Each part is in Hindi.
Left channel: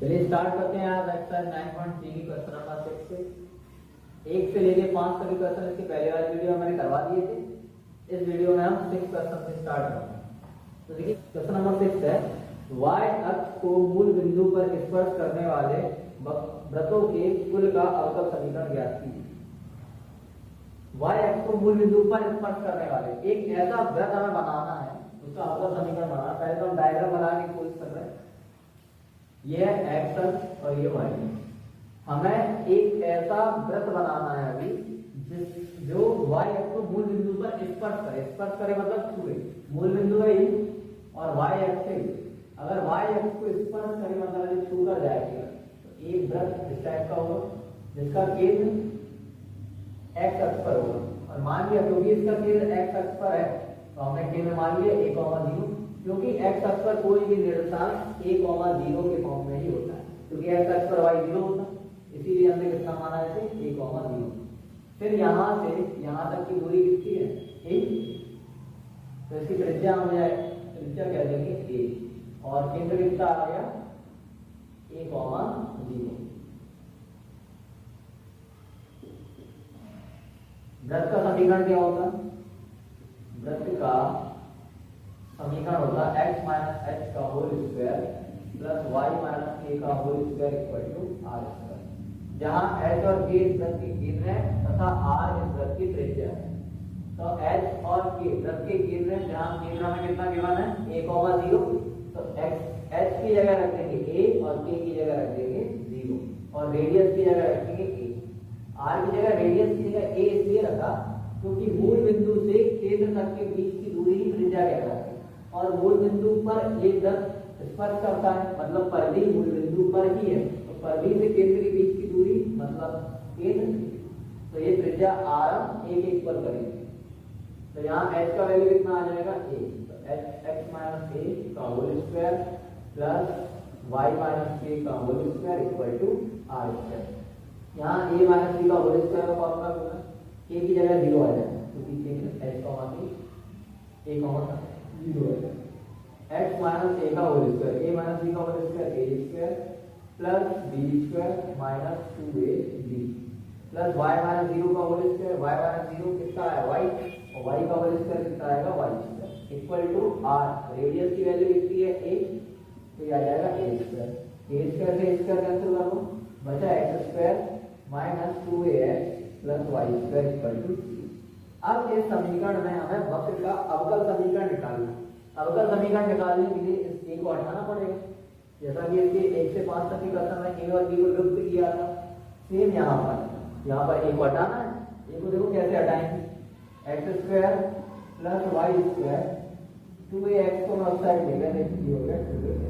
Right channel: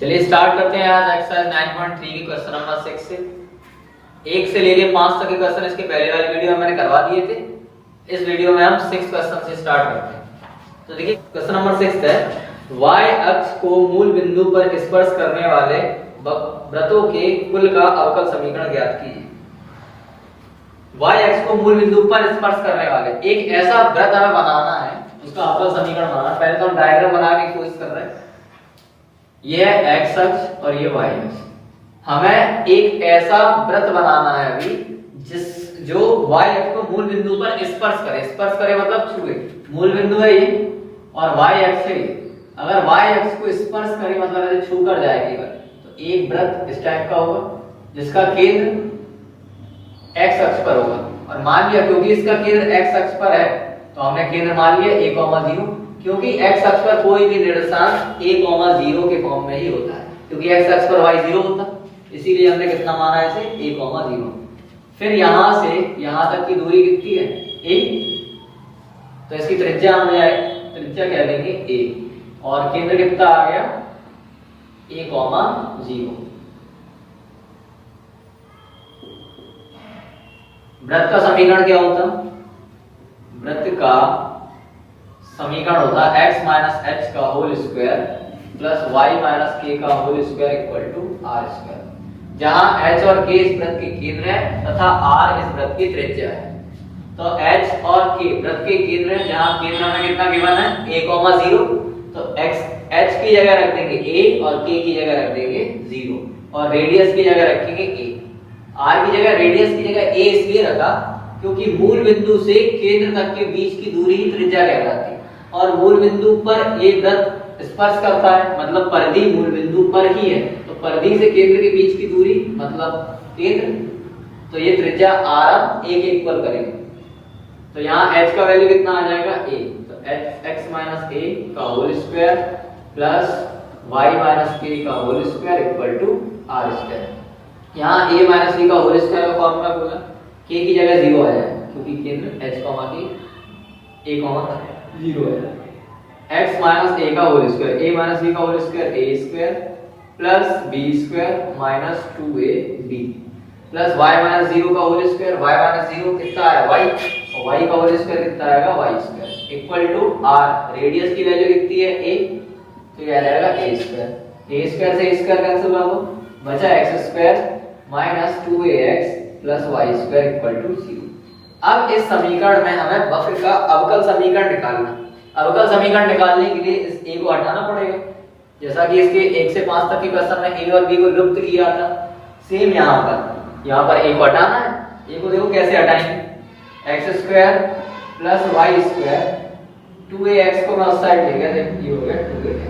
चलिए स्टार्ट करते हैं आज एक्सरसाइज 9.3 की क्वेश्चन नंबर 6 से। 1 से लेके 5 तक के क्वेश्चन इसके पहले वाली वीडियो में मैंने करवा दिए थे। इस वीडियो में हम 6 क्वेश्चन से स्टार्ट करते हैं। तो देखिए क्वेश्चन नंबर 6 है, y अक्ष को मूल बिंदु पर स्पर्श करने वाले वृत्तों के कुल का अवकल समीकरण ज्ञात कीजिए। y अक्ष को मूल बिंदु पर स्पर्श करने वाले एक ऐसा वृत्त हमें बनाना है, उसका अवकल समीकरण बनाना है। पहले तो हम डायग्राम बनाने की कोशिश कर रहे हैं। यह है x अक्ष और ये y अक्ष। हमें एक ऐसा वृत्त बनाना है अभी जो y अक्ष को मूल बिंदु पर स्पर्श करे। स्पर्श करे मतलब छुए। मूल बिंदु है ये और y अक्ष है ये। अगर y अक्ष को स्पर्श करे मतलब ऐसे छू कर जाए केवल, तो एक वृत्त इस टाइप का होगा जिसका केंद्र x अक्ष पर होगा। और मान लिया क्योंकि इसका केंद्र x अक्ष पर है तो हमने केंद्र मान लिया a, 0, क्योंकि x अक्ष पर कोई भी निर्देशांक a, 0 के फॉर्म में ही होता है, क्योंकि x अक्ष पर y 0 होता है, इसीलिए हमने कितना माना है इसे a, 0। फिर यहां से यहां तक की दूरी कितनी है a, तो इसकी त्रिज्या हम त्रिज्या कह देंगे a और केंद्र कितना आ गया a, 0। वृत्त का समीकरण क्या होता? वृत्त का समीकरण होता है x माइनस h का whole square plus y minus k का whole square equal to r square, जहां h और k इस वृत्त के केंद्र है तथा r इस वृत्त की त्रिज्या है। तो h और k वृत्त के केंद्र है, जहां केंद्र में कितना गिवन है a, 0, तो h की जगह रख देंगे a और k की जगह रख देंगे 0 और रेडियस की जगह रखेंगे a। r की जगह रेडियस की जगह a इसलिए रखा क्योंकि मूल बिंदु से केंद्र तक के बीच की दूरी ही त्रिज्या कहलाती है। और मूल बिंदु पर एक वृत्त स्पर्श करता है मतलब परिधि मूल बिंदु पर ही है, तो परिधि से केंद्र के बीच की दूरी मतलब केंद्र, तो ये त्रिज्या r a के इक्वल करेंगे। तो यहाँ h का वैल्यू कितना आ जाएगा a, तो x माइनस a का whole square plus y minus k का whole square equal to r square. यहाँ a माइनस b का होल स्क्वायर का फॉर्मूला बोला, k की जगह 0 आ जाएगा क्योंकि केंद्र h k a, 0 है। x माइनस a का whole square, a minus b का whole square a square plus b square minus 2ab plus y minus 0 का होल स्क्वायर, y माइनस 0 कितना आया y, और y का होल स्क्वायर कितना आएगा y square equal to r। Radius की वैल्यू कितनी है a, तो ये आ जाएगा a स्क्वायर से a स्क्वायर कैंसिल कर दो, बचा x square minus 2ax plus y square equal to 0। अब इस समीकरण में हमें वक्र का अवकल समीकरण निकालना है। अवकल समीकरण निकालने के लिए इस a को हटाना पड़ेगा, जैसा कि इसके 1 से 5 तक के क्वेश्चन में a और b को लुप्त किया था। सेम यहाँ पर a को हटाना है। a को देखो कैसे हटाएंगे, x square plus y square 2ax को मैं उस साइड ले गया, ये हो गया 2ax,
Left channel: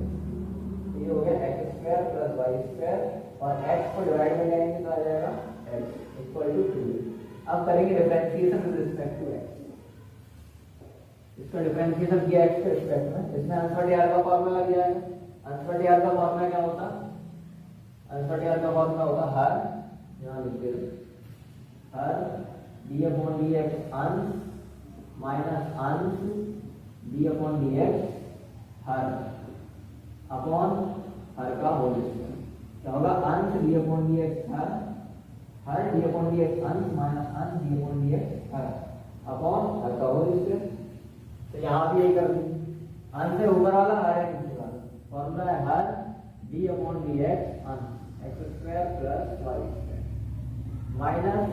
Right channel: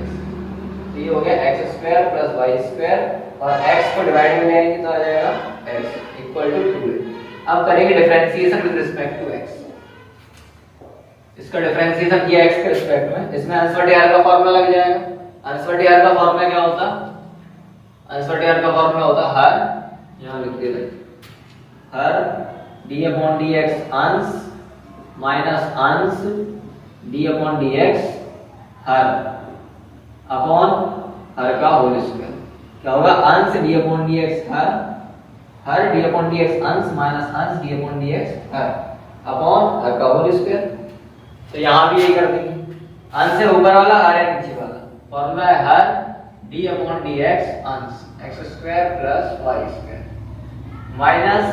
तो ये हो गया x square plus y square और x को डिवाइड में लेंगे तो आ जाएगा x इक्वल टू 2a। अब करेंगे differentiation with respect to x। इसका डिफरेंशिएशन किया x के रिस्पेक्ट में, इसमें अंश बटे r का फार्मूला लग जाएगा। अंश बटे r का फार्मूला क्या होता? अंश बटे r का फार्मूला होता हर, यहां लिख देते हर d अपॉन dx अंश माइनस अंश d अपॉन dx हर अपॉन हर का होल स्क्वायर। क्या होगा? अंश d अपॉन dx हर d अपॉन dx अंश माइनस अंश d अपॉन dx हर अपॉन हर का होल स्क्वायर। तो यहां भी यही कर देंगे, अंश से ऊपर वाला हर है नीचे वाला। फॉर्मूला है हर d अपॉन dx अंश x square plus y square minus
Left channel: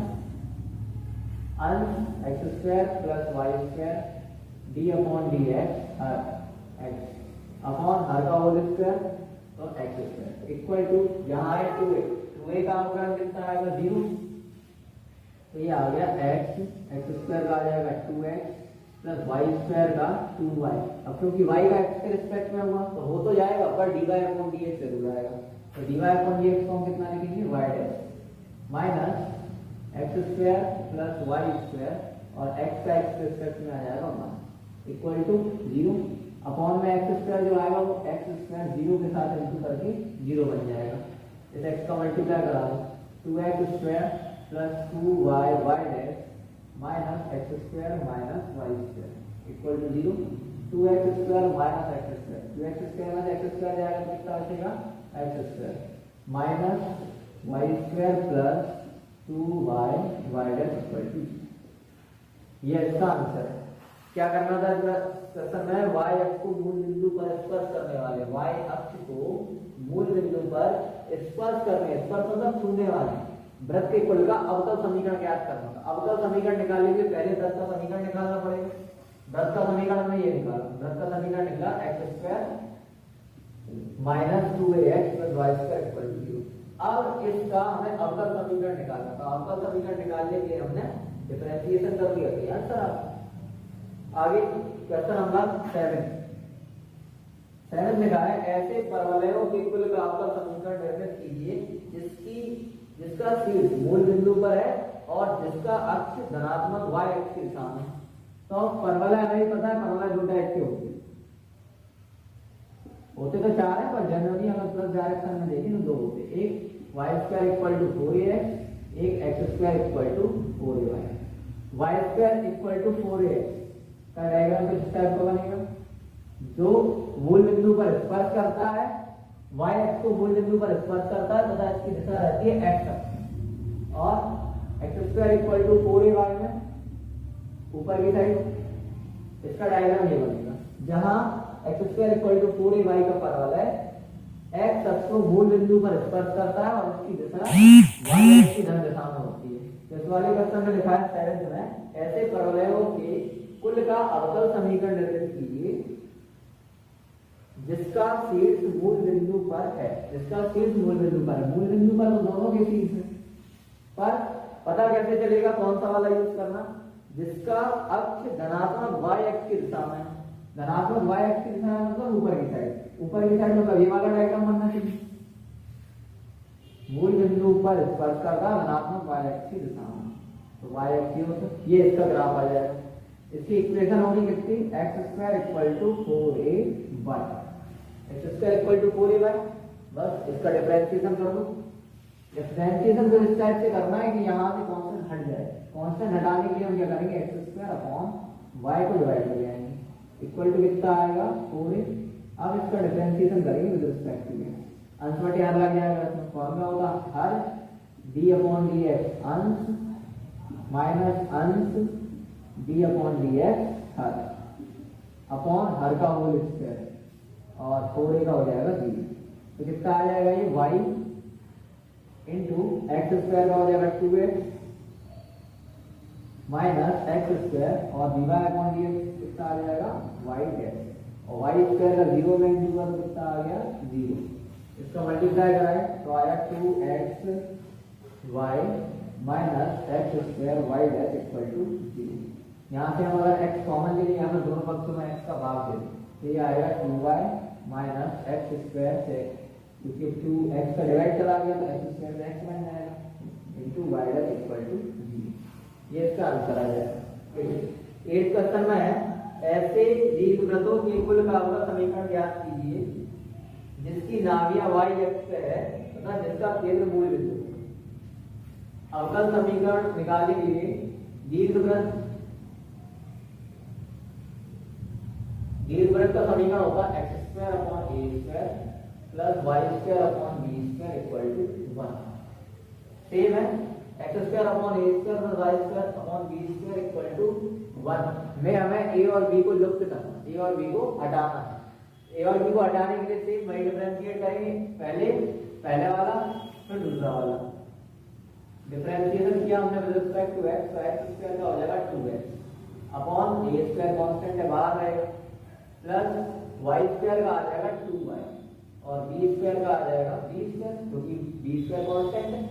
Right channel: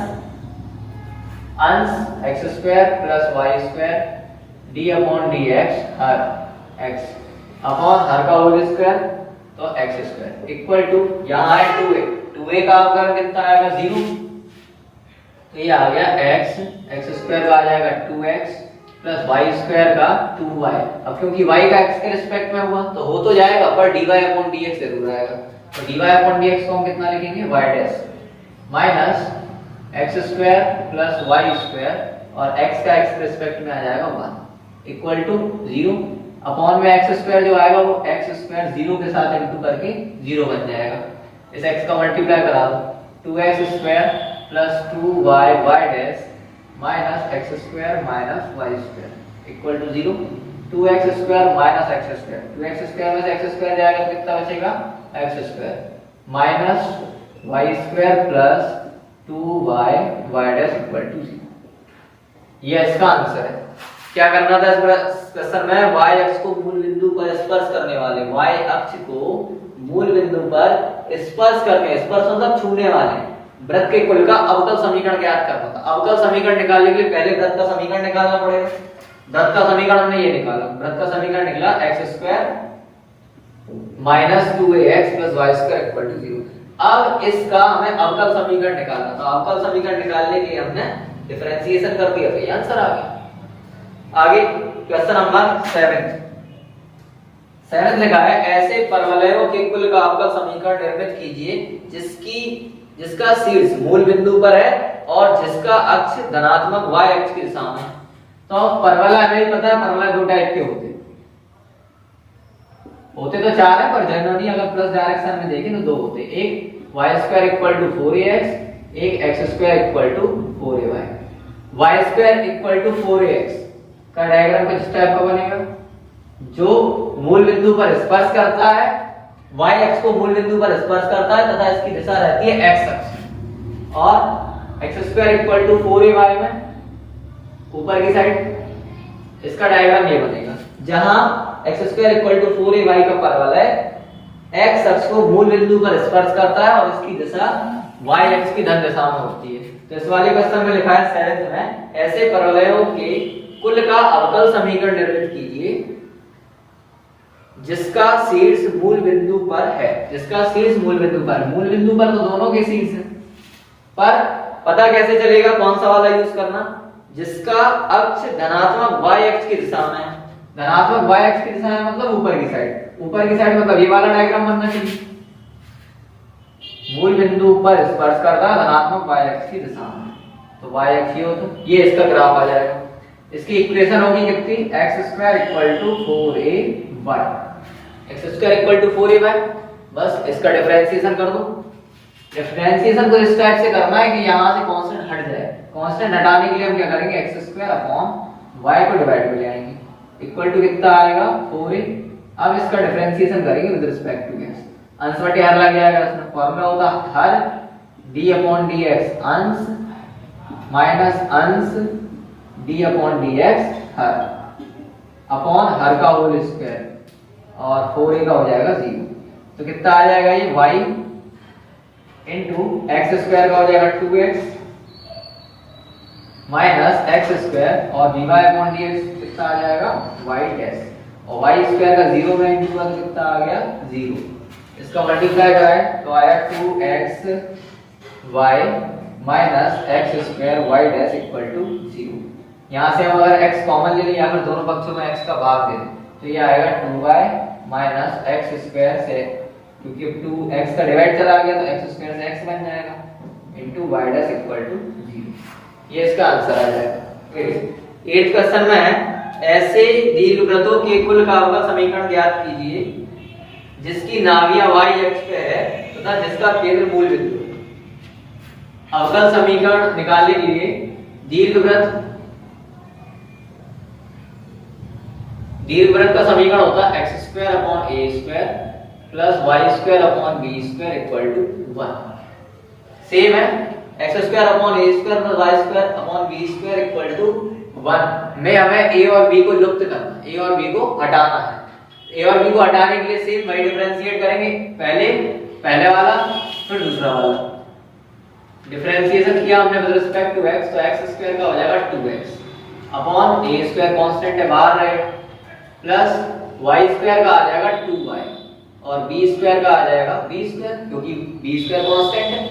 अंश x square plus y square d upon dx हर x अपॉन हर का होल स्क्वायर तो x स्क्वायर इक्वल टू यहां है 2a का अवकलन कितना आएगा 0, तो ये आ गया x स्क्वायर का आ जाएगा 2x प्लस y स्क्वायर का 2y। अब क्योंकि y का x के रिस्पेक्ट में हुआ तो हो तो जाएगा पर dy अपॉन dx जरूर आएगा, तो dy अपॉन dx को हम कितना लिखेंगे y dash minus x square plus y square और x का x के रिस्पेक्ट में आ जाएगा 1 इक्वल टू 0 अपॉन में x स्क्वायर जो आएगा वो x स्क्वायर 0 के साथ इनटू करके 0 बन जाएगा। इस x का मल्टीप्लाई करा दो 2x square plus 2y y dash minus x square minus y square equal to 0। 2x square minus x square, 2x square में से x स्क्वायर जाएगा तो कितना बचेगा X square minus Y square plus 2y y dash equal to 0। ये इसका आंसर है। क्या करना था इस क्वेश्चन में, y अक्ष को मूल बिंदु पर स्पर्श करने वाले, y अक्ष को मूल बिंदु पर स्पर्श करके, स्पर्श मतलब छूने वाले वृत्त के कुल का अवकल समीकरण ज्ञात करना था। अवकल समीकरण निकालने के लिए पहले वृत्त का समीकरण निकालना पड़ेगा। वृत्त का समीकरण हमने ये निकाला, वृत्त का समीकरण निकला X square minus 2ax plus Y square equal to 0। अब इसका हमें अवकल समीकरण निकालना था। अवकल समीकरण निकालने के लिए हमने डिफरेंशिएशन कर दिया, तो आंसर आ गया। आगे क्वेश्चन नंबर 7 लिखा है, ऐसे परवलयों के कुल का अवकल समीकरण निर्मित कीजिए जिसका शीर्ष मूल बिंदु पर है और जिसका अक्ष धनात्मक y अक्ष की दिशा में है। तो परवलय हमें पता है, परवलय दो टाइप के होते तो चार है, पर जनरली अगर प्लस डायरेक्शन में देखें तो दो होते। एक y square equal to 4ax, एक x square equal to 4ay। y square equal to 4ax का डायग्राम कुछ इस टाइप का बनेगा, जो मूल बिंदु पर स्पर्श करता है, y अक्ष को मूल बिंदु पर स्पर्श करता है तथा इसकी दिशा रहती है x अक्ष, और x square equal to 4ay में ऊपर की साइड इसका डायग्राम ये बनेगा, जहां x square equal to 4ay का परवलय x अक्ष को मूल बिंदु पर स्पर्श करता है और इसकी दिशा y अक्ष की धन दिशा में होती है। तो इस वाले क्वेश्चन में लिखा है 7 में, ऐसे परवलयों के कुल का अवकल समीकरण निर्मित कीजिए जिसका शीर्ष मूल बिंदु पर है। जिसका शीर्ष मूल बिंदु पर, मूल बिंदु पर तो दोनों के शीर्ष है, पर पता कैसे चलेगा कौन सा वाला यूज करना, जिसका अक्ष धनात्मक y अक्ष की दिशा में है। धनात्मक y अक्ष की दिशा में मतलब ऊपर की साइड, ऊपर की साइड मतलब ये वाला डायग्राम बनना चाहिए, मूल बिंदु पर स्पर्श करता है धनात्मक y अक्ष की दिशा में, तो y अक्ष ये होता, ये इसका ग्राफ आ जाएगा। इसकी इक्वेशन होगी कितनी, x square equal to 4ay, x square equal to 4ay। बस इसका डिफरेंशिएशन कर दो। डिफरेंशिएशन को इस टाइप से करना है कि यहां से कांस्टेंट हट जाए। कांस्टेंट हटाने के लिए हम क्या करेंगे, x स्क्वायर अपॉन y को डिवाइड में ले आएंगे, इक्वल टू कितना आएगा 4a। अब इसका डिफरेंशिएशन करेंगे विद रिस्पेक्ट टू x, अंश बटे हर लग जाएगा। इसमें फॉर्मूला होता हर d अपॉन dx अंश माइनस अंश d अपॉन dx हर अपॉन हर का होल स्क्वायर, और 4a का हो जाएगा 0। तो कितना आ जाएगा ये y इंटू एक्स स्क्वायर का हो जाएगा 2x माइनस एक्स स्क्वायर और dy अपॉन dx कितना आ जाएगा y डैश, और y स्क्वायर का 0 में इंटू का कितना आ गया 0। इसका मल्टीप्लाई कराए तो आया 2xy minus x square y dash equal to 0। यहाँ से हम अगर x कॉमन ले लें या फिर दोनों पक्षों में x का भाग दे दें तो ये आएगा 2y माइनस एक्स स्क्वायर से, क्योंकि 2x का डिवाइड चला गया तो x स्क्वायर से x बन जाएगा into y dash equal to 0। ये इसका आंसर आ जाएगा। 8th क्वेश्चन में है, ऐसे दीर्घवृत्तों के कुल का अवकल समीकरण ज्ञात कीजिए जिसकी नाभियां y अक्ष पे है तथा जिसका केंद्र मूल बिंदु है। अवकल समीकरण निकालने के लिए दीर्घवृत्त का समीकरण होता है x square upon a square plus y square upon b square equal to 1। Same है, x square upon a square plus y square upon b square equal to 1 में हमें a और b को लुप्त करना, a और b को हटाना है। a और b को हटाने के लिए सेम वही डिफरेंशिएट करेंगे, पहले वाला फिर दूसरा वाला। डिफरेंशिएशन किया हमने विद रिस्पेक्ट टू x, तो x स्क्वायर का हो जाएगा 2x upon a square constant है बाहर रहेगा प्लस y स्क्वायर का आ जाएगा 2y और b स्क्वायर का आ जाएगा b स्क्वायर, क्योंकि b स्क्वायर कांस्टेंट है।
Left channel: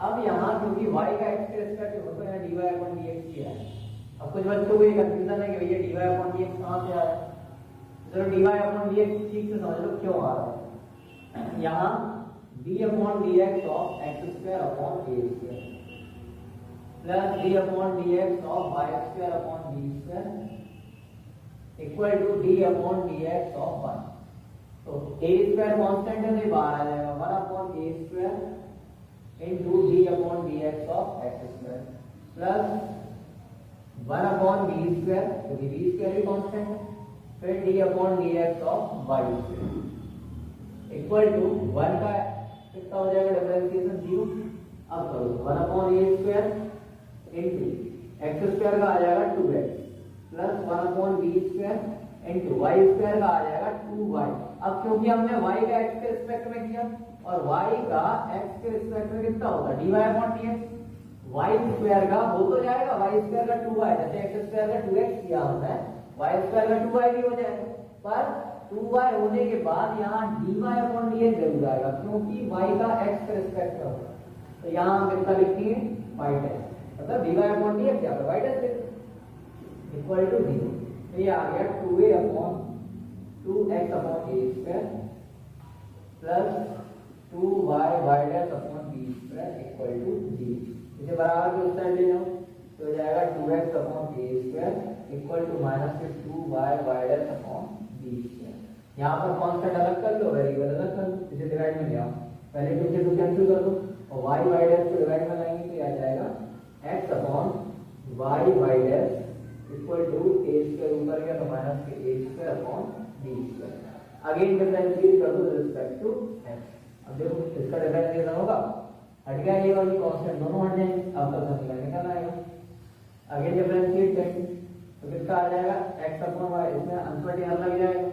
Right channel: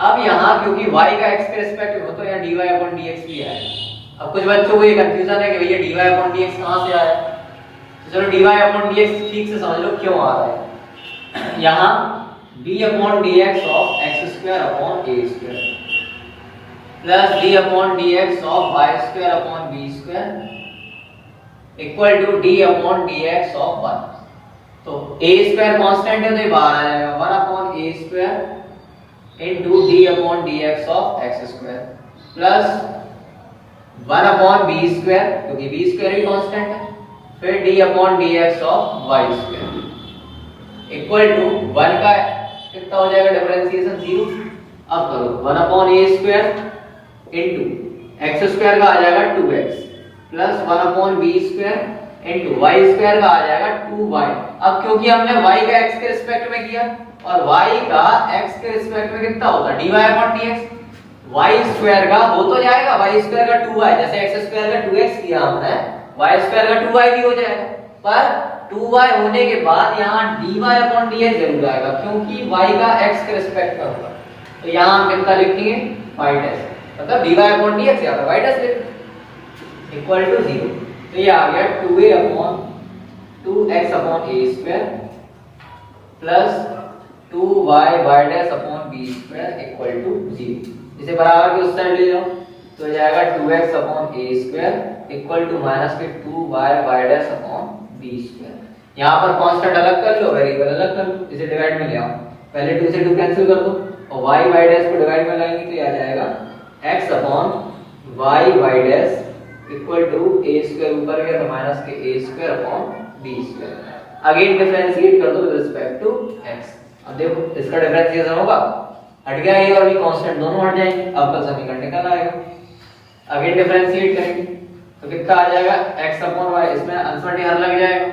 अब यहाँ क्योंकि y का x के रिस्पेक्ट में हो तो यहाँ dy अपॉन dx भी आएगा। अब कुछ बच्चों को ये कंफ्यूजन है कि भैया dy अपॉन dx कहाँ से आया, तो चलो dy अपॉन dx ठीक से समझ लो क्यों आ रहा है। यहाँ d upon dx of x square upon a square plus d upon dx of y square upon b square equal to d upon dx of 1। तो a स्क्वायर कांस्टेंट है तो ये बाहर आ जाएगा 1 upon a square into d upon dx of x square plus 1 upon b square, क्योंकि b स्क्वायर भी कांस्टेंट है, फिर d upon dx of y square. Equal to 1 का कितना हो जाएगा डिफरेंशिएशन 0। अब करो 1/a² इनटू x² का आ जाएगा 2x plus 1/b² into y² का आ जाएगा 2y। अब क्योंकि हमने y का x के रिस्पेक्ट में किया और y का x के रिस्पेक्ट में कितना होता है dy/dx, y² का हो तो जाएगा y² का 2y, जैसे x² का 2x किया हमने y² का 2y भी हो जाएगा, पर 2y होने के बाद यहाँ dy/dx जरूर आएगा क्योंकि y का x के रिस्पेक्ट में होगा। तो यहाँ हम कितना लिखेंगे y डैश, मतलब dy/dx यहाँ पे y डैश लिखेंगे इक्वल टू 0। तो ये आ गया 2a/2x/a² plus 2y/b² equal to 0। इसे बराबर के उस साइड ले जाओ तो हो जाएगा 2x/a² इक्वल टू माइनस के 2y/b²। यहाँ पर कांस्टेंट अलग कर लो, वेरिएबल अलग कर लो, इसे डिवाइड में ले आओ। पहले 2 से 2 कैंसिल कर दो और y को डिवाइड में लाएंगे तो ये आ जाएगा x/y इक्वल टू a² ऊपर गया तो माइनस के a²/b²। अगेन डिफरेंशिएट कर दो विद रिस्पेक्ट टू x। अब देखो इसका डिफरेंशिएशन होगा, हट गया ये और भी कांस्टेंट दोनों हट जाएंगे, आपका समीकरण निकल आएगा। अगेन डिफरेंशिएट करेंगे तो कितना आ जाएगा x/y, इसमें अनसर्टेनिटी हर लग जाएगा।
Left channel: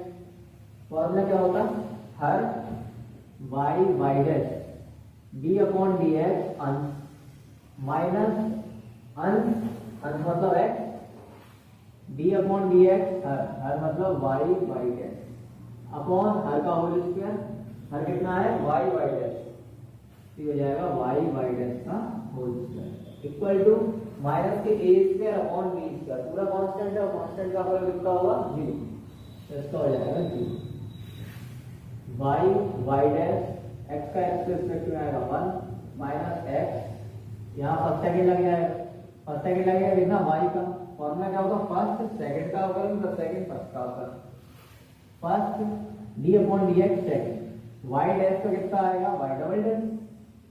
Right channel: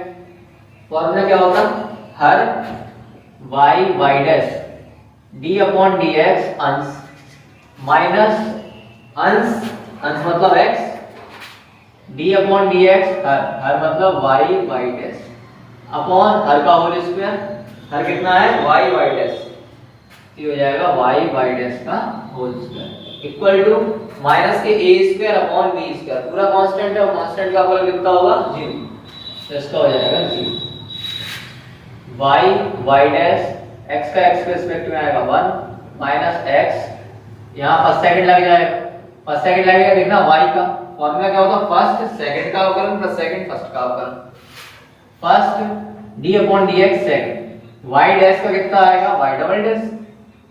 फॉर्मूला क्या होता हर y डैश d/dx अंश माइनस अंश मतलब x d/dx हर मतलब y डैश अपॉन हर का होल स्क्वायर, हर कितना है y डैश, ये हो जाएगा y डैश का whole square equal to minus के a²/b², पूरा कांस्टेंट है और कांस्टेंट का फॉर्मूला कितना होगा 0, तो इसका हो जाएगा 0। y डैश x का x के रिस्पेक्ट में आएगा 1 माइनस x, यहाँ फर्स्ट सेकंड लग जाएगा, फर्स्ट सेकंड लगेगा देखना y का फॉर्मूला क्या होता है फर्स्ट सेकंड का अवकलन प्लस सेकंड फर्स्ट का अवकलन, first d/dx second, y dash का कितना आएगा y double dash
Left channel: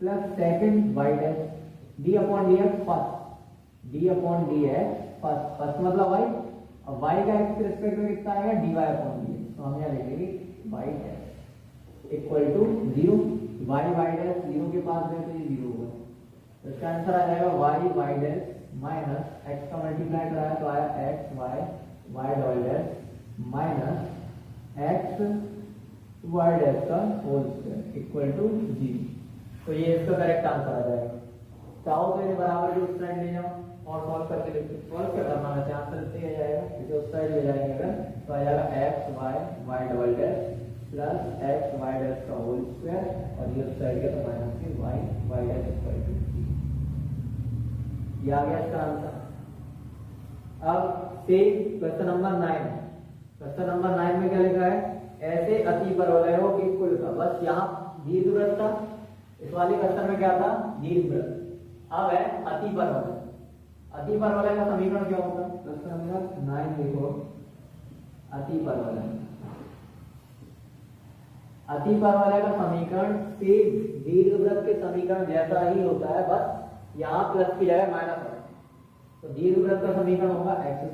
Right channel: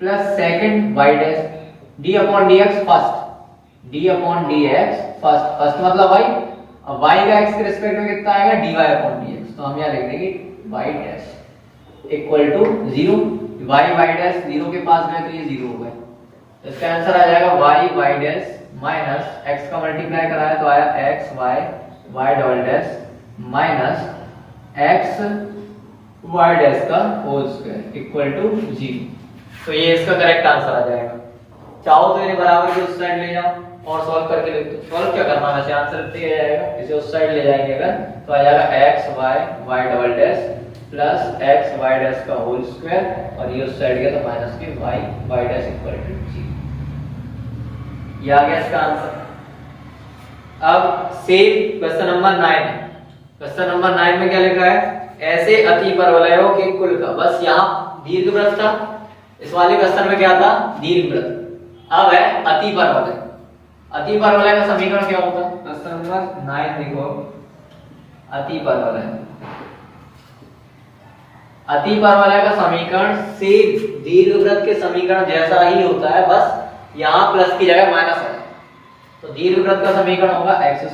plus second y dash d/dx first, first मतलब y, अब y का x के रिस्पेक्ट में कितना आएगा dy/dx, तो हम यहाँ लिख देंगे y dash equal to 0, y dash 0 के पास में तो ये 0 हो गया, तो इसका आंसर आ जाएगा y डैश माइनस x का मल्टीप्लाई कराया तो आया x y double dash minus x y dash का होल स्क्वायर इक्वल टू 0। तो ये इसका करेक्ट आंसर आ जाएगा। चाहो तो इन्हें बराबर के उस साइड ले जाओ और सॉल्व करके लिख दो। सॉल्व क्या करना है, आंसर दिया जाएगा, इसे उस साइड ले जाएंगे अगर तो आ जाएगा x y double dash plus x y dash का होल स्क्वायर और ये उस साइड गया तो माइनस के y डैश इक्वल टू 0। ये आ गया इसका आंसर। अब same question number 9, question number 9 में क्या लिखा है, ऐसे अतिपरवलयों के कुल का, बस यहाँ दीर्घवृत्त था, इस वाले क्वेश्चन में क्या था दीर्घवृत्त, अब है अतिपरवलय। अतिपरवलय का समीकरण क्या होता है, क्वेश्चन नंबर 9 देखो, अतिपरवलय, अतिपरवलय का समीकरण सेम दीर्घवृत्त के समीकरण जैसा ही होता है, बस यहाँ प्लस की जगह माइनस है। तो दीर्घवृत्त का समीकरण होगा x²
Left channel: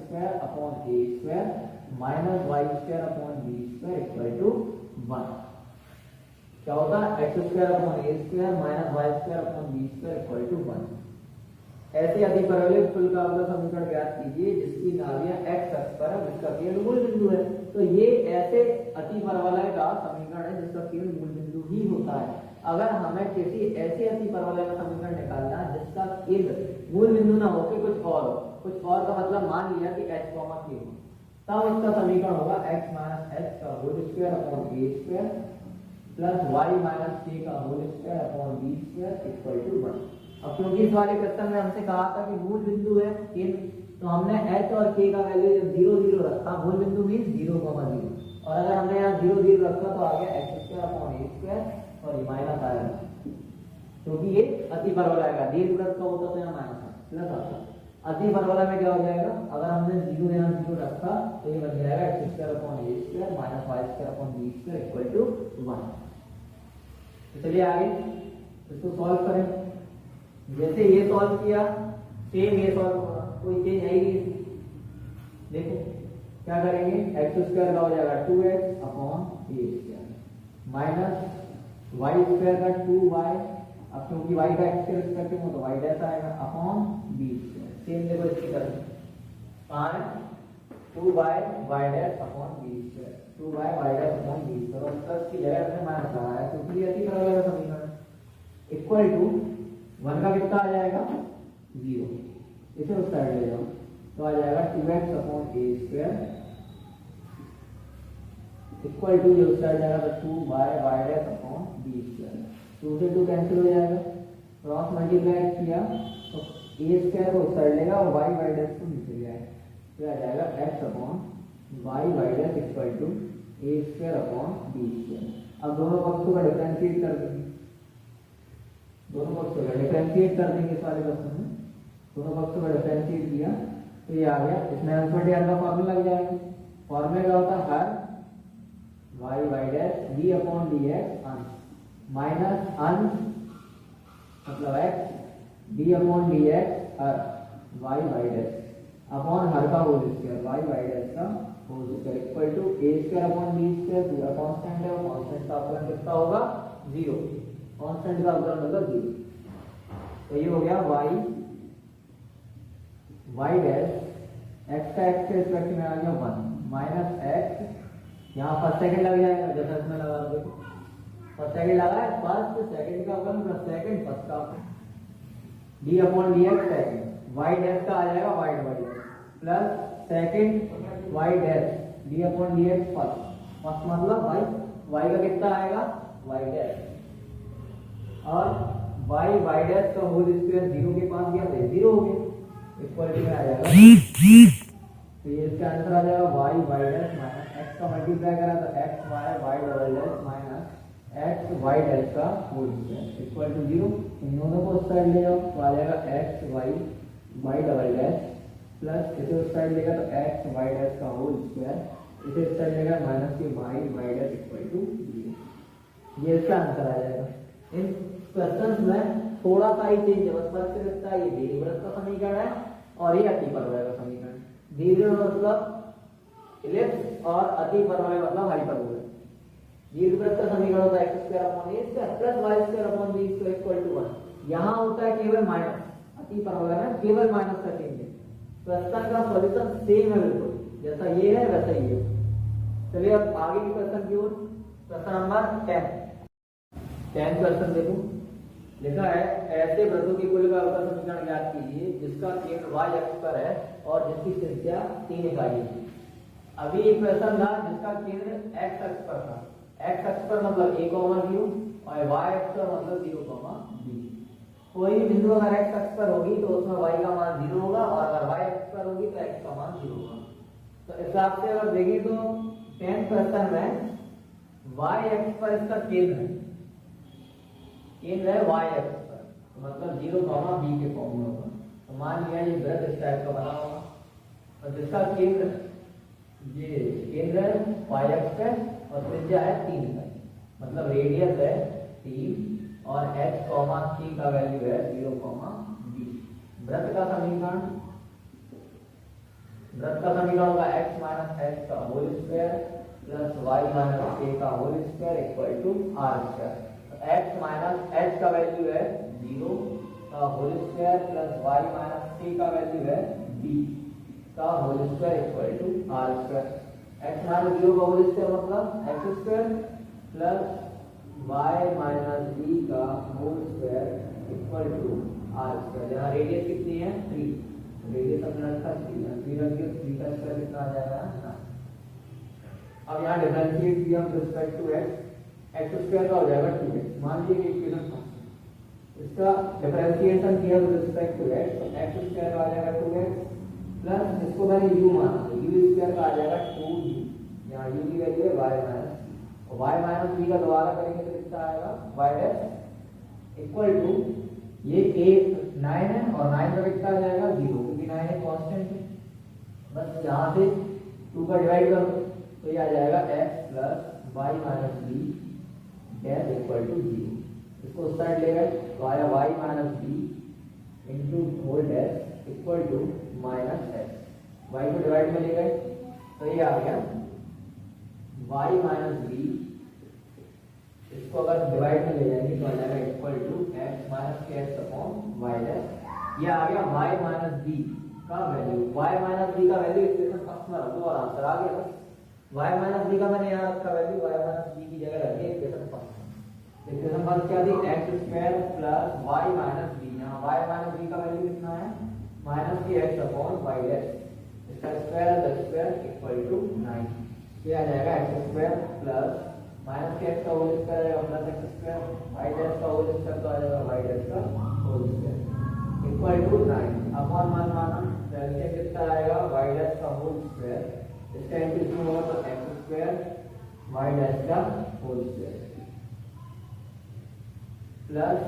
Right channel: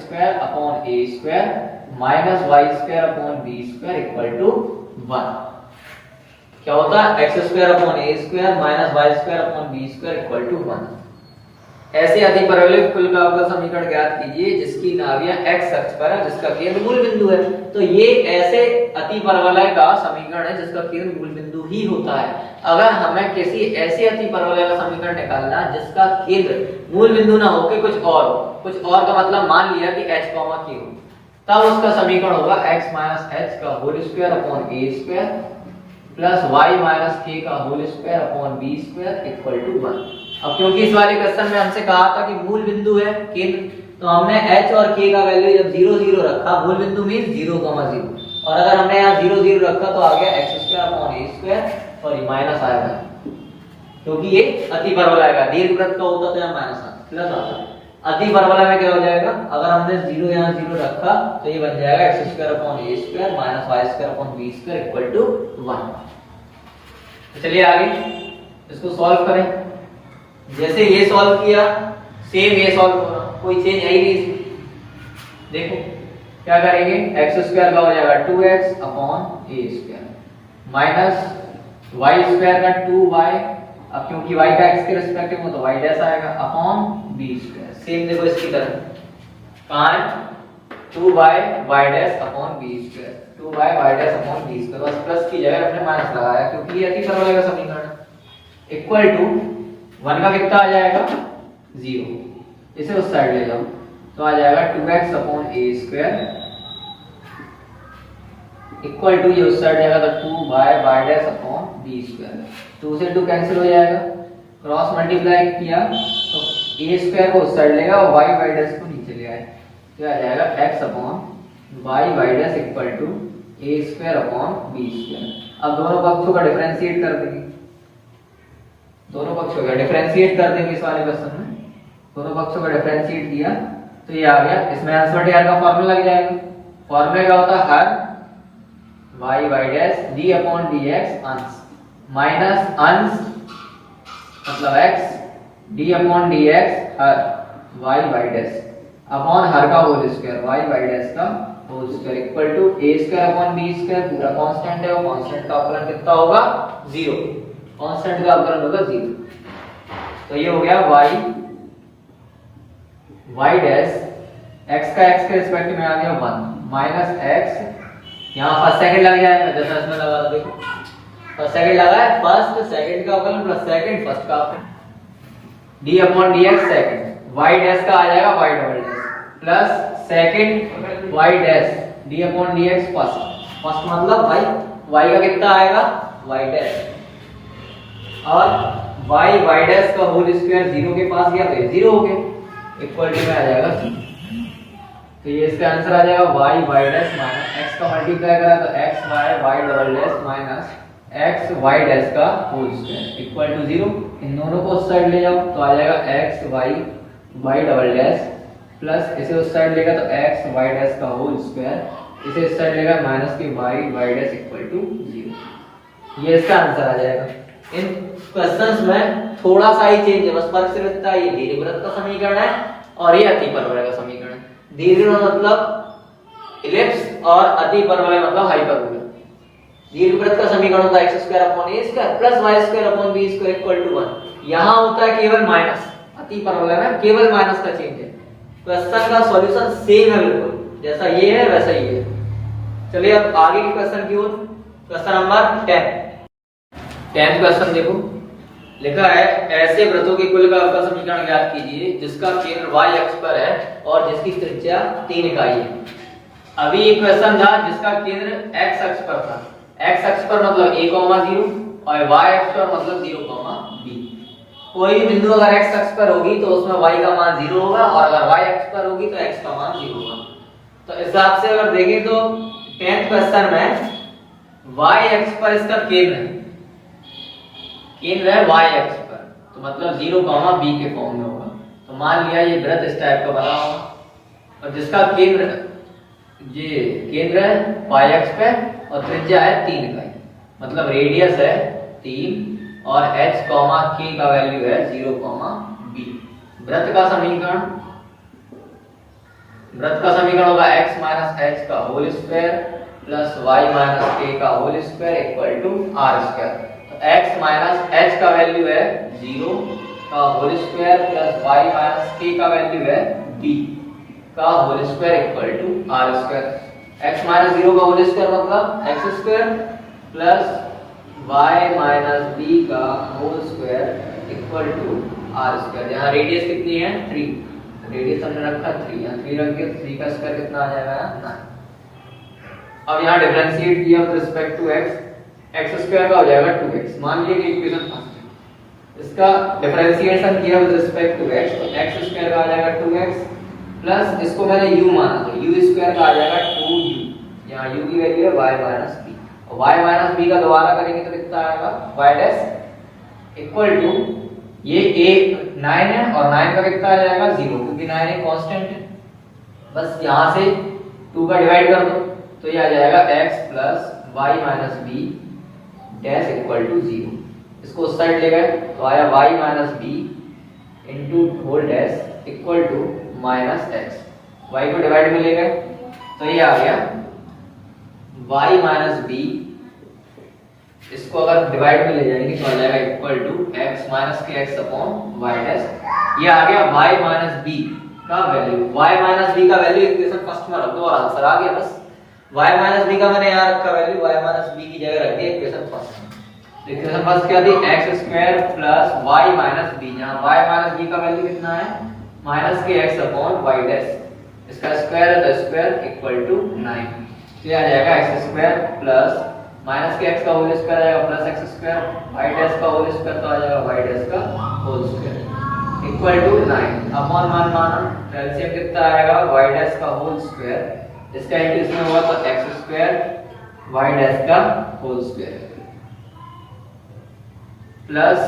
minus y² equal to 1। क्या होता है x² minus y² equal to 1। ऐसे अतिपरवलय कुल का अवकल समीकरण ज्ञात कीजिए जिसकी नाभियां x अक्ष पर है, जिसका केंद्र मूल बिंदु है। तो ये ऐसे अतिपरवलय का समीकरण है जिसका केंद्र मूल बिंदु ही होता है। अगर हमें किसी ऐसे अतिपरवलय का समीकरण निकालना है जिसका केंद्र मूल बिंदु ना हो के कुछ और हो, कुछ और का मतलब मान लिया कि h, q हो, तब उसका समीकरण होगा x h का whole square upon a² plus y k का whole square upon b² equal to 1। अब क्योंकि इस वाले क्वेश्चन में हमसे कहा था कि मूल बिंदु है केंद्र, तो हमने h और k का वैल्यू जब 0 0 रखा, मूल बिंदु मींस 0, 0, और अगर हमने यहाँ 0 0 रखा तो आ गया x² अपॉन a² और ये माइनस आएगा क्योंकि ये अतिपरवलय का दीर्घवृत्त का होता तो यहाँ माइनस प्लस आता। अतिपरवलय में क्या हो जाएगा, अगर हमने 0 यहाँ 0 रखा तो ये बन जाएगा x² upon a² minus y² upon b² equal to 1। तो चलिए आगे इसको सॉल्व करें। जैसे ये सॉल्व किया सेम ये सॉल्व हो रहा, कोई चेंज है ही नहीं। देखो क्या करेंगे, x² का हो जाएगा 2x upon a² minus Y square का 2y, अब क्योंकि y का x के रिस्पेक्टिव में तो y डैश आएगा अपॉन b स्क्वायर। सेम देखो इसकी तरह कहां है 2y y dash upon b square, 2y y dash upon b square, बस प्लस की जगह अपने माइनस लगाया क्योंकि ये अतिपरवलय का समीकरण इक्वल टू 1 का कितना आ जाएगा 0, इसे उस साइड ले जाओ तो आ जाएगा 2x upon a square equal to ये उस साइड जाएगा तो 2y y dash upon b square, 2 से 2 कैंसिल हो जाएगा, क्रॉस मल्टीप्लाई किया तो a स्क्वायर को उस साइड लेगा और y y डैश को नीचे ले आए तो आ जाएगा x upon y y dash equal to a square upon b square. अब दोनों पक्षों का डिफरेंशिएट कर देंगे, दोनों पक्षों का डिफरेंशिएट कर देंगे इस वाले क्वेश्चन में, दोनों पक्षों का डिफरेंशिएट किया तो ये आ गया, इसमें आंसर टीआर का फार्मूला लग जाएगा। फार्मूला क्या होता है हर y y dash d upon dx अंश माइनस अंश मतलब x d अपॉन dx हर y y डैश अपॉन हर का whole square y y dash का whole square equal to a square upon b square, पूरा कांस्टेंट है और कांस्टेंट का अवकलन कितना होगा 0, कांस्टेंट का अवकलन होगा 0। तो ये हो गया y डैश x का x के रिस्पेक्ट में आ गया 1 माइनस x, यहाँ फर्स्ट सेकंड लग जाएगा जैसा इसमें लगा था, देखो फर्स्ट सेकंड लगा है, फर्स्ट सेकंड का अवकलन प्लस सेकंड फर्स्ट का अवकलन d upon dx second, y dash का आ जाएगा y double dash plus second y dash d upon dx first, first मतलब भाई y का कितना आएगा y डैश और y y डैश का होल स्क्वायर 0 के पास गया तो ये 0 हो गया इक्वल टू में आ जाएगा, तो ये इसका आंसर आ जाएगा y y dash minus x का मल्टीप्लाई करा तो x y y double dash minus x y dash का होल स्क्वायर इक्वल टू 0। इन दोनों को उस साइड ले जाओ तो आ जाएगा x y y double dash plus इसे उस साइड लेगा तो x y डैश का होल स्क्वायर, इसे इस साइड लेगा माइनस के y y dash equal to 0। ये इसका आंसर आ जाएगा। इन क्वेश्चंस में थोड़ा सा ही चेंज है, बस फर्क सिर्फ इतना ही, दीर्घवृत्त का समीकरण है और ये अतिपरवलय का समीकरण है। दीर्घवृत्त मतलब इलिप्स और अतिपरवलय मतलब हाइपरबोला। दीर्घवृत्त का समीकरण होता है x square upon a square plus y square upon b square equal to 1। यहां होता है केवल माइनस, अतिपरवलय में केवल माइनस का चेंज है। क्वेश्चन का सॉल्यूशन सेम है बिल्कुल, जैसा ये है वैसा ही है। चलिए अब आगे के क्वेश्चन की ओर, क्वेश्चन नंबर 10 क्वेश्चन देखो, लिखा है ऐसे वृत्तों के कुल का अवकल समीकरण ज्ञात कीजिए जिसका केंद्र y अक्ष पर है और जिसकी त्रिज्या 3 इकाई है। अभी एक क्वेश्चन था जिसका केंद्र x अक्ष पर था, x अक्ष पर मतलब a, 0 और y अक्ष पर मतलब 0, b। कोई भी बिंदु अगर x अक्ष पर होगी तो उसमें y का मान 0 होगा और अगर y अक्ष पर होगी तो x का मान 0 होगा। तो इस हिसाब से अगर देखें तो 10th क्वेश्चन में y अक्ष पर इसका केंद्र है, केंद्र है y अक्ष पर, तो मतलब 0, b के फॉर्म में होगा। तो मान लिया ये वृत्त इस टाइप का बना होगा और जिसका केंद्र ये केंद्र है y अक्ष पे और त्रिज्या है 3 इकाई, मतलब रेडियस है 3 और h, k का वैल्यू है 0, b। वृत्त का समीकरण होगा x माइनस h का whole square plus y minus k का whole square equal to r square. x minus h का वैल्यू है 0 का whole square plus y minus k का वैल्यू है b का whole square equal to r square. x minus 0 का होल स्क्वायर मतलब x square plus y minus b का whole square equal to r square. यहाँ रेडियस कितनी है 3, रेडियस हमने रखा 3, यहाँ 3 रख के 3 का स्क्वायर कितना आ जाएगा 9। अब यहाँ डिफरेंशिएट किया with respect to x square का हो जाएगा 2x। मान लीजिए कि इक्वेशन फर्स्ट है, इसका डिफरेंशिएशन किया विद रिस्पेक्ट टू x तो x स्क्वायर का आ जाएगा 2x प्लस इसको मैंने u माना तो u स्क्वायर का आ जाएगा 2u, यहाँ u की वैल्यू है y माइनस b और y माइनस b का दोबारा करेंगे तो कितना आएगा y डैश इक्वल टू ये 9 है और 9 का कितना आ जाएगा 0 क्योंकि 9 एक कांस्टेंट है, बस यहाँ से 2 का डिवाइड कर दो तो ये आ जाएगा x plus y minus b dash equal to 0। इसको उस साइड ले गए तो आया y minus b into whole dash equal to minus x, y को डिवाइड में ले गए तो ये आ गया y माइनस b इसको अगर डिवाइड में ले जाएंगे तो आ जाएगा इक्वल टू x माइनस के एक्स अपॉन वाई डैश। ये आ गया y माइनस बी का वैल्यू, y माइनस बी का वैल्यू इक्वेशन फर्स्ट में रख दो और आंसर आ गया बस। y माइनस बी का मैंने यहाँ रखा वैल्यू, y माइनस बी की जगह रख दिया इक्वेशन फर्स्ट में। तो इक्वेशन फर्स्ट क्या थी, x square plus y minus B, जहाँ y माइनस बी का वैल्यू कितना है माइनस के x अपॉन वाई डैश, इसका स्क्वायर है तो स्क्वायर इक्वल टू 9। तो ये आ जाएगा x स्क्वायर प्लस माइनस के x का होल स्क्वायर आएगा plus x square, y dash का होल स्क्वायर तो आ जाएगा y डैश का whole square equal to 9 upon 1 माना, एलसीएम कितना आएगा y डैश का होल स्क्वायर, इसका इंटू इसमें हुआ तो x स्क्वायर y डैश का whole square plus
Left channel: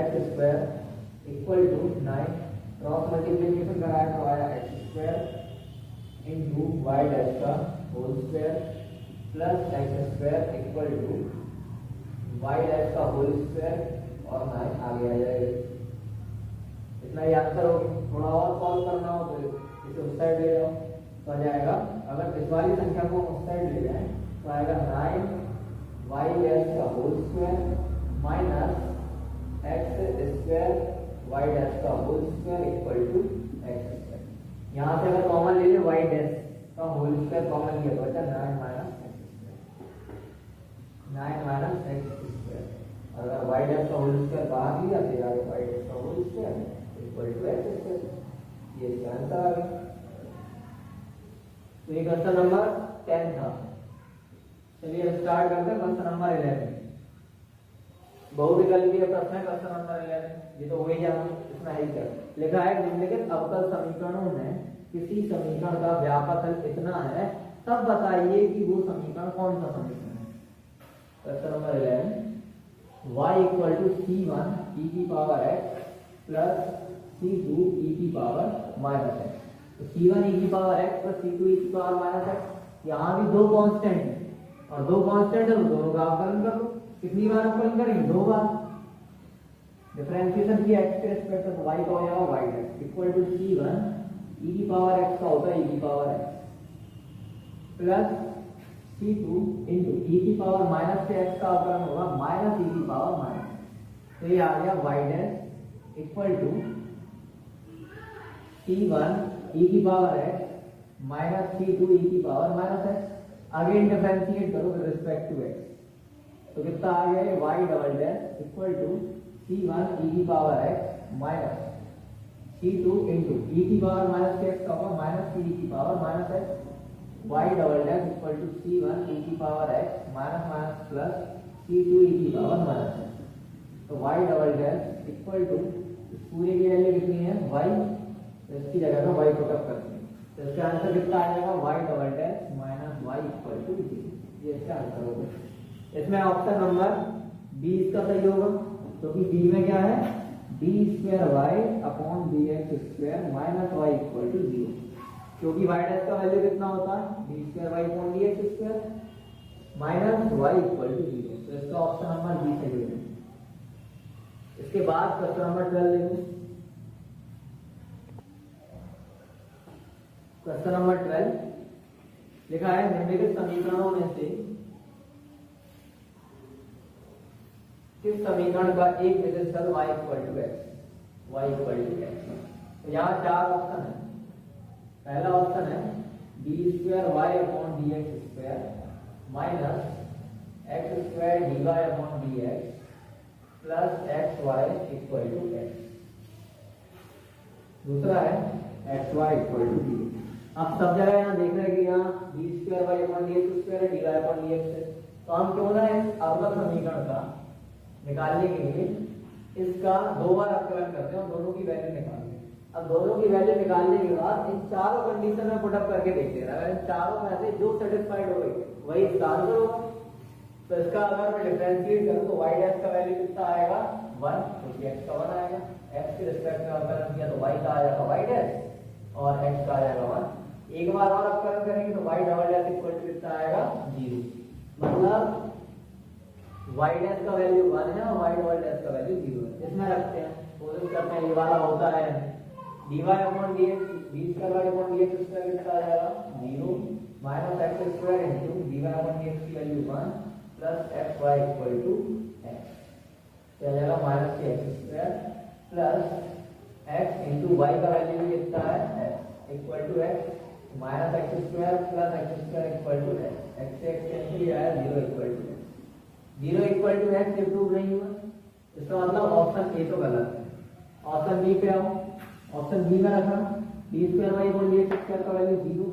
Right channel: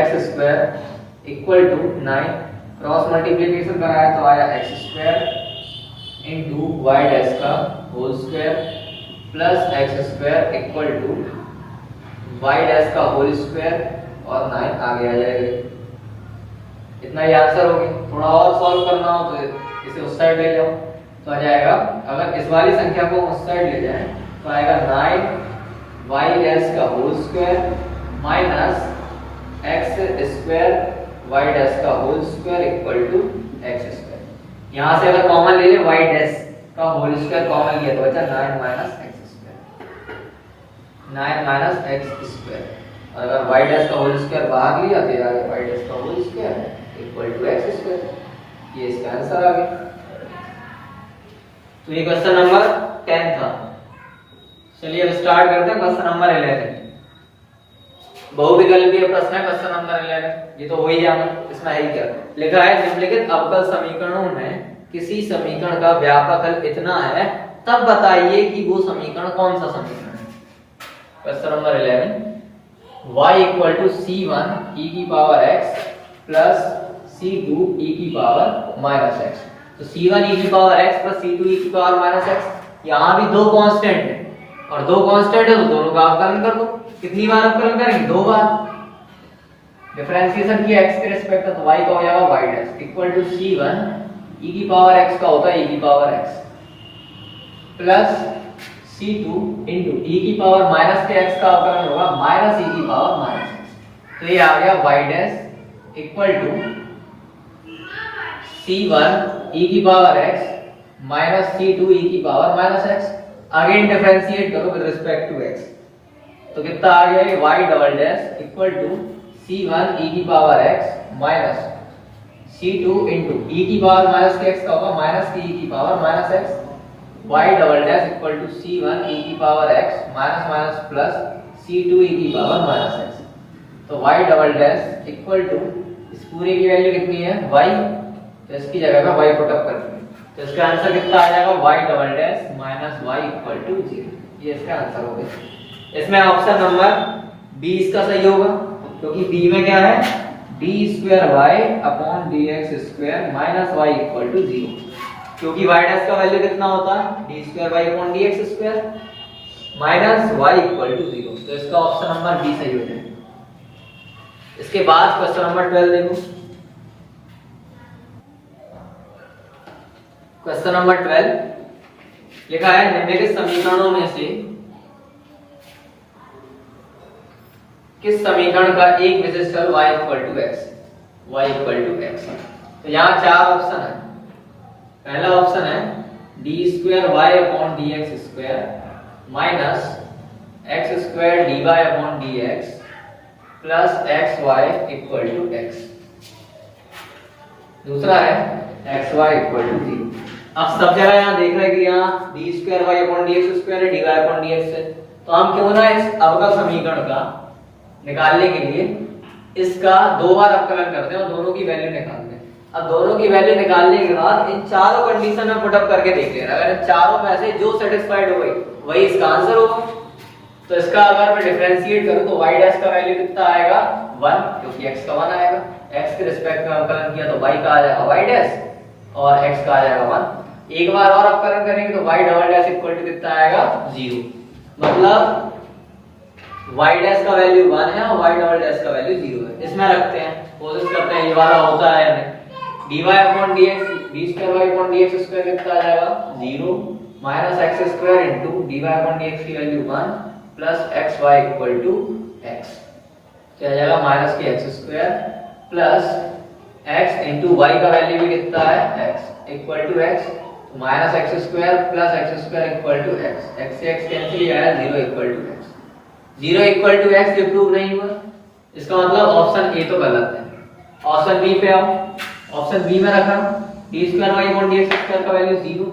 x square equal to 9, cross multiplication कराया तो आया x square into y dash का whole square plus x square equal to y dash का होल स्क्वायर और 9 आगे आ जाएगा। इतना ही आंसर हो गया। थोड़ा और सॉल्व करना हो तो इसे उस साइड ले जाओ तो आ जाएगा, अगर इस वाली संख्या को उस साइड ले जाएं तो आएगा 9 y डैश का whole square minus x square y dash का whole square equal to x square. यहाँ से अगर कॉमन ले ले y डैश का होल स्क्वायर कॉमन लिया तो बचा 9 minus x square, 9 minus x square. अगर y डैश का होल स्क्वायर बाहर लिया तो आ गया y डैश का whole square equal to x square. ये इसका आंसर आ गया। तो ये क्वेश्चन नंबर 10 था। चलिए अब स्टार्ट करते हैं क्वेश्चन नंबर 11। बहुविकल्पीय प्रश्न है क्वेश्चन नंबर 11। ये तो हो ही जाना, इसमें है ही क्या लिखा है, निम्नलिखित अवकल समीकरणों में किसी समीकरण का व्यापक हल इतना है, तब बताइए कि वो समीकरण कौन सा समीकरण है। Question number 11, y equal to c1 e की power x plus c2 e की पावर माइनस x। तो c1 e की power x plus c2 e की पावर माइनस x, यहाँ भी दो कांस्टेंट है और दो कांस्टेंट है तो दोनों का अवकलन कर दो। कितनी बार अवकलन करेंगे, दो बार। डिफरेंशिएशन किया x के रिस्पेक्ट में तो y का हो जाएगा y dash equal to c1 e की पावर x का होता है e की power x plus c2 into e की पावर माइनस के x का अवकलन होगा माइनस e की पावर माइनस x। तो ये आ गया y dash equal to c1 e की power x minus c2 e की power minus x। Again differentiate करो विद रिस्पेक्ट टू x तो कितना आ गया, y double dash equal to c1 e की power x minus c2 into e की पावर माइनस के x का होगा माइनस की e की power minus x, y double dash equal to c1 e की power x minus minus plus c2 e की पावर माइनस x। तो y double dash equal to इस पूरे की वैल्यू कितनी है y, तो इसकी जगह पे y पुट अप करते हैं तो इसका आंसर कितना आ जाएगा y double dash minus y equal to 0। ये इसका आंसर हो गया। इसमें ऑप्शन नंबर बी इसका सही होगा क्योंकि बी में क्या है d square y upon dx square minus y equal to 0, क्योंकि y डैश का वैल्यू कितना होता है d square y upon dx square minus y equal to 0। तो इसका ऑप्शन नंबर बी सही हो जाएगा। इसके बाद क्वेश्चन नंबर 12 देखो। क्वेश्चन नंबर 12 लिखा है, निम्नलिखित समीकरणों में से किस समीकरण का एक विशिष्ट हल y equal to x, y equal to x। तो यहाँ चार ऑप्शन है। पहला ऑप्शन है d square y upon dx square minus x square dy upon dx plus xy equal to x। दूसरा है xy इक्वल टू 0। अब सब जगह यहाँ देख रहे हैं कि यहाँ d square y upon dx square है, dy अपॉन dx है, तो हम क्यों ना इस अवकल समीकरण का निकालने के लिए इसका दो बार अवकलन करते हैं और दोनों की वैल्यू निकालते हैं। अब दोनों की वैल्यू निकालने के बाद इन चारों कंडीशन में पुट अप करके देख लेना, अगर इन चारों में से जो सेटिस्फाइड हो गई वही इसका आंसर होगा। तो इसका अगर मैं डिफरेंशिएट करूं तो y डैश का वैल्यू कितना आएगा 1, क्योंकि x का 1 आएगा। x के रिस्पेक्ट में अवकलन किया तो y का आ जाएगा y डैश और x का आ जाएगा 1। एक बार और अवकलन करेंगे तो y double dash equal to कितना आएगा 0। मतलब y डैश का वैल्यू 1 है और y डबल डैश का वैल्यू 0 है। इसमें रखते हैं, कोशिश करते हैं ये वाला होता है या नहीं। dy upon dx d square y upon dx square कितना आ जाएगा 0 minus x square into dy upon dx की value 1 plus x y equal to x, क्या आ जाएगा माइनस के x square plus x into y का वैल्यू भी कितना है x equal to x, minus x square plus x square equal to x, x से एक्स कैंसिल हो जाएगा 0 equal to x, 0 equal to x ये प्रूव नहीं हुआ, इसका मतलब ऑप्शन ए तो गलत है। ऑप्शन बी पे आओ, ऑप्शन बी में रखा d square y upon d x square का value 0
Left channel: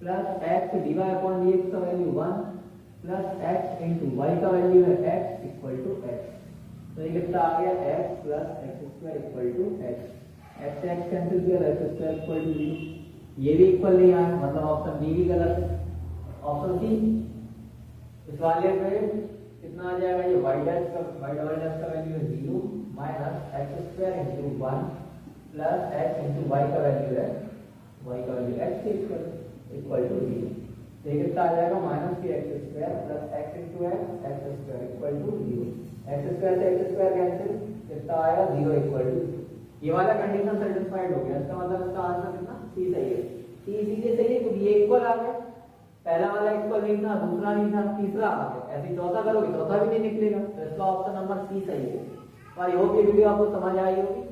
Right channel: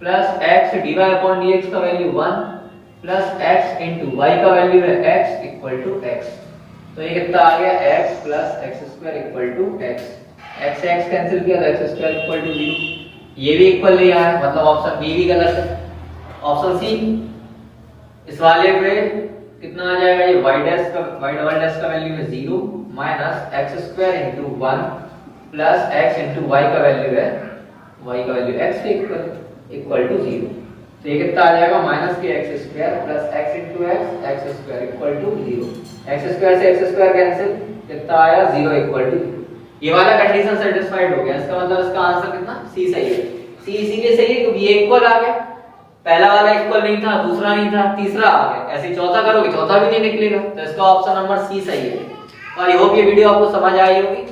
plus x d y upon d x का value 1 plus x into y का वैल्यू है एक्स इक्वल टू एक्स, तो ये कितना आ गया x plus x square equal to x, x से एक्स कैंसिल किया तो एक्स स्क्वायर इक्वल टू 0, ये भी इक्वल नहीं आया, मतलब ऑप्शन बी भी गलत है। ऑप्शन सी, इस वाले पे कितना आ जाएगा, ये y डैश का y डबल डैश का वैल्यू है 0 minus x square into 1 plus x into y का वैल्यू है y का वैल्यू x के इक्वल टू 0, तो ये कितना आ जाएगा माइनस के x square plus x into x square equal to 0, x square से एक्स स्क्वायर कैंसिल, कितना आया 0 इक्वल टू 0, ये वाला कंडीशन सेटिस्फाइड हो गया, इसका मतलब इसका आंसर कितना सी सही है। सी इसीलिए सही है क्योंकि ये इक्वल आ गया, पहला वाला इक्वल नहीं था, दूसरा नहीं था, तीसरा आ गया, ऐसे चौथा करोगे चौथा भी नहीं निकलेगा, तो इसका ऑप्शन नंबर सी सही है। और आई होप ये वीडियो आपको समझ आई होगी।